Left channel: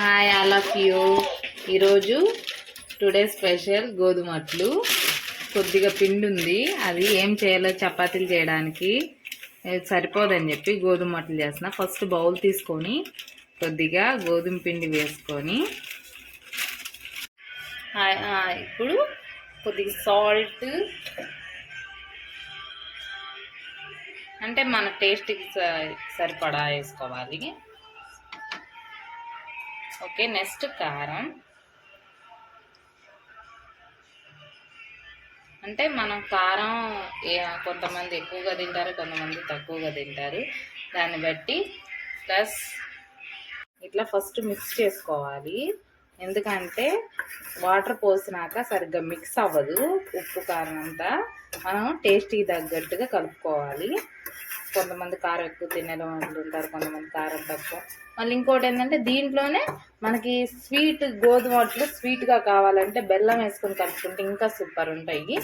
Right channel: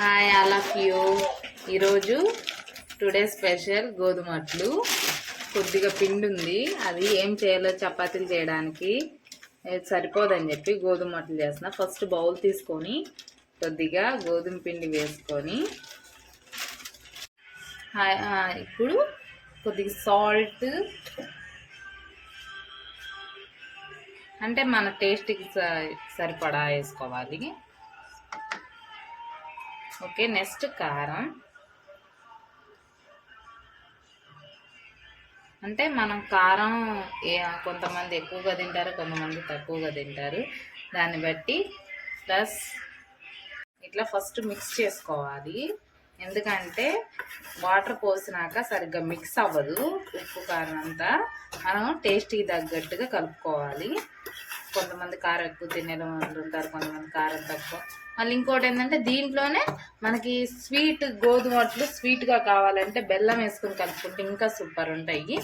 Hi all of you. ఈరోజు today special గోధుమ అట్లు. కొద్దిగా పిండి ఉంది, అది ఏం చేయాలో చపాతీలు చేయడానికి సరిపోదని చెప్పి గోధుమ అట్లు చేస్తున్నా. ఫస్ట్ బౌల్ తీసుకొని కొద్దిగా గోధుమ పిండి వేసుకొని ఇప్పుడు కొద్దిగా సాల్ట్, అంటే మన టేస్ట్కి సరిపడా వేసుకోవాలి. ఓకే, నెక్స్ట్ కారం, అంటే మనం కారం కొంతమంది ఎక్కువగా తింటారు, కొంతమంది తక్కువగా తింటారు, దాన్ని బట్టి. ప్లస్ ఇట్లా ఫస్ట్ మిక్స్ చేసుకోవాలి, ఎందుకంటే వాటర్ పోసినాక సరిగ్గా మిక్స్ అవ్వదు. ఉప్పు కారం అంతా మనం టేస్ట్కి తగ్గట్టుగా కలుపుకోవాలి. కొంతమంది కారం ఎక్కువ తినే వాళ్ళు ఉంటారు, కొంతమంది కారం తక్కువ. మళ్ళీ ఇంకోటి ఏంటంటే దీంట్లోనే మనకి స్వీట్ గోధుమ అట్లు స్వీట్గా కావాలంటే బెల్లం వేసుకొని కలుపుకుంటే ఇంకా సూపర్ ఉంటాయి.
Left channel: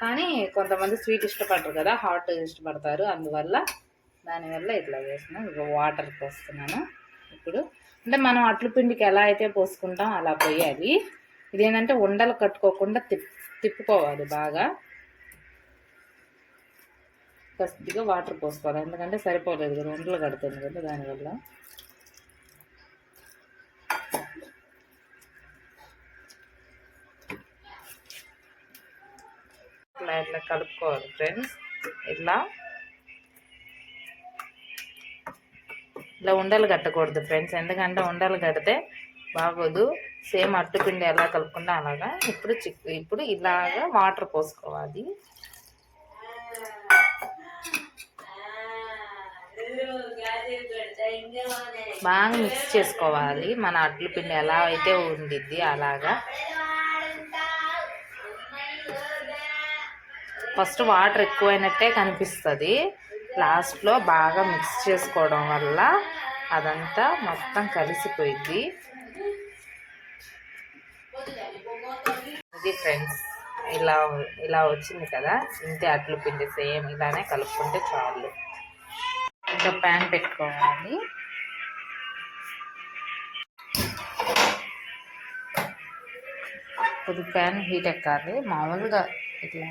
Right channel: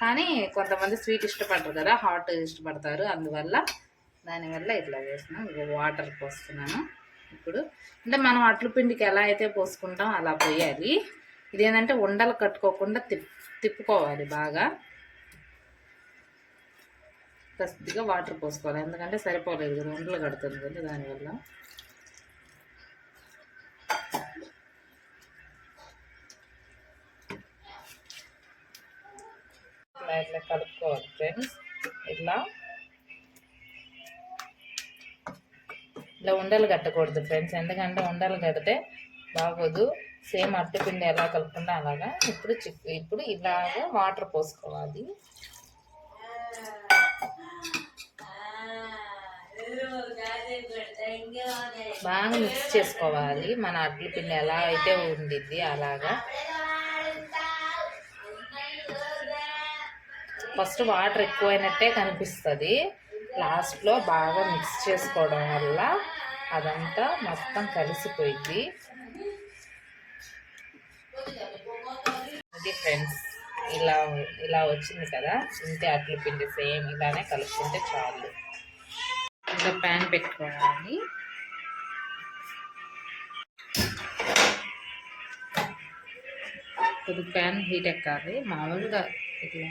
కానీ కొంతమంది స్వీట్ ఇష్టపడరు కదా, హాట్ ఇష్టపడతారు. అందువల్ల దానివల్ల ఇట్లా వేస్తున్నాను. వాటర్ పోస్తున్నాను ఇప్పుడు. అంటే మనం అట్లు పిండికి ఎలా అయితే పోసుకుంటాం అలా పోయాలి. ఇదేంటంటే ఉండలు కట్టుకోకుండా తిప్పుకోవాలి బాగా. కొద్దిగా వాటర్ పోసుకోవాలి, ఎందుకంటే సరిపోలేదు కదా, ఉండలు కడుతుంది కదా, దానివల్ల. ఇట్లా కలుపుకోవాలి ఫ్రెండ్స్. ఇలా ఉండలు కట్టకూడదు ఫ్రెండ్స్, ఎందుకంటే ఉండలు కడితే బాగోదు. సేమ్ అట్టుపిండి ఎలా కలుపుకుంటే అలాగా. ఇప్పుడు ఇలాగా వాటర్ పోసుకోవాలి. బాగా మిక్స్ చేసుకోవాలి, మన అట్ల పిండి ఎలా అయితే ఉండిద్ది అలాగా. ఫస్ట్ వాటర్ ఎక్కువైనట్టే కనిపిస్తుంది, లాస్ట్లో బాగా మిక్స్ చేసుకోవడం వల్ల అదంతా మొత్తం కలిసిపోయింది. ఇది ఫ్రెండ్స్, ఇలా వచ్చింది కదా, ఇంతే అట్ల పిండి. సేమ్ ఇలానే కలుపుకుంటే చాలు. ఇంకా ప్యాన్ పెట్టుకోవాలి. కొద్దిగా ప్యాన్ హీట్ ఎక్కాలి. మామూలుగా ఇట్లా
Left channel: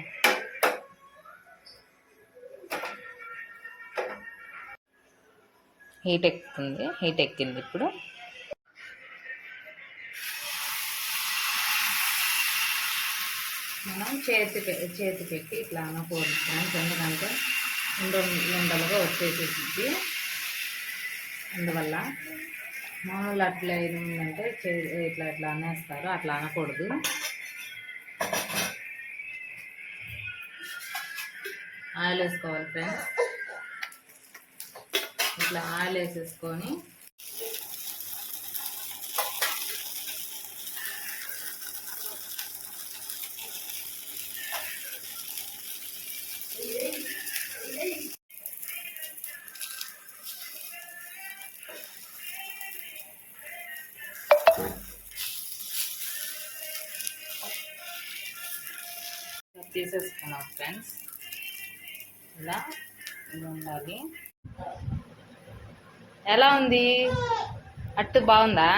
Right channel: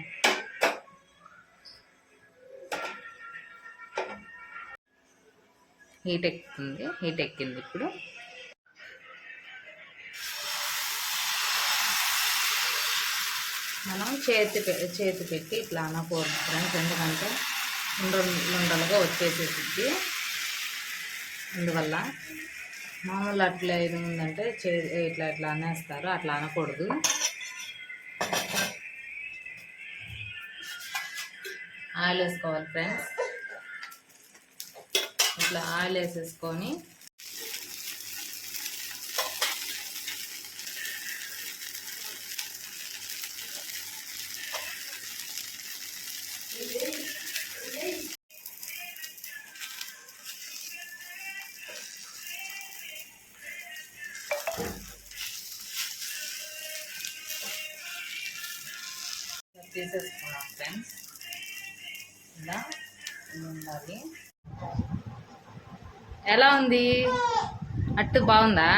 హీట్ ఎక్కింది. ఇప్పుడు మనం చేతి పెట్టి ఇట్లా అనకూడదు ఫ్రెండ్స్, ఎందుకంటే ఉండలుగా వచ్చేసేది. అందువల్ల మామూలు అట్లా ఏది ఉందంటే ఇట్లా అనేస్తారు, అట్లా అనకూడదు. ఆయిల్ వేసుకోవాలి ఫ్రెండ్స్. ఇట్లా ఆయిల్ వేసేసుకొని తీసేసుకున్నాం ఫ్రెండ్స్. ఇలా ఉండాలి. ఎలా ఉంది అట్టు? బాగుందా?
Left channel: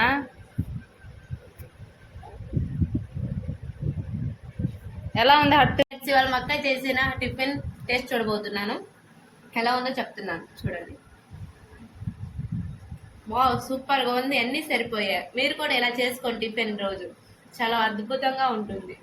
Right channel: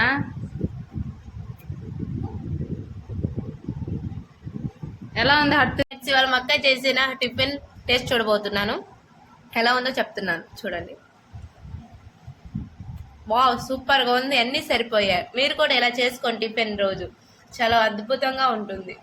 ఎలా ఉంది అట్టు? ఇవాళ మా అక్క చేసిన టిఫిన్ టేస్ట్ చూడబోతున్నాను. ఎలా ఉందో చెప్తున్నాను, చూడండి. వావ్, సూపర్గా ఉంది, అన్నీ సరిపోయాయి. మీరు కూడా ఇలా చేసుకోండి టిఫిన్ రోజు, చాలా అద్భుతంగా ఉంటుంది.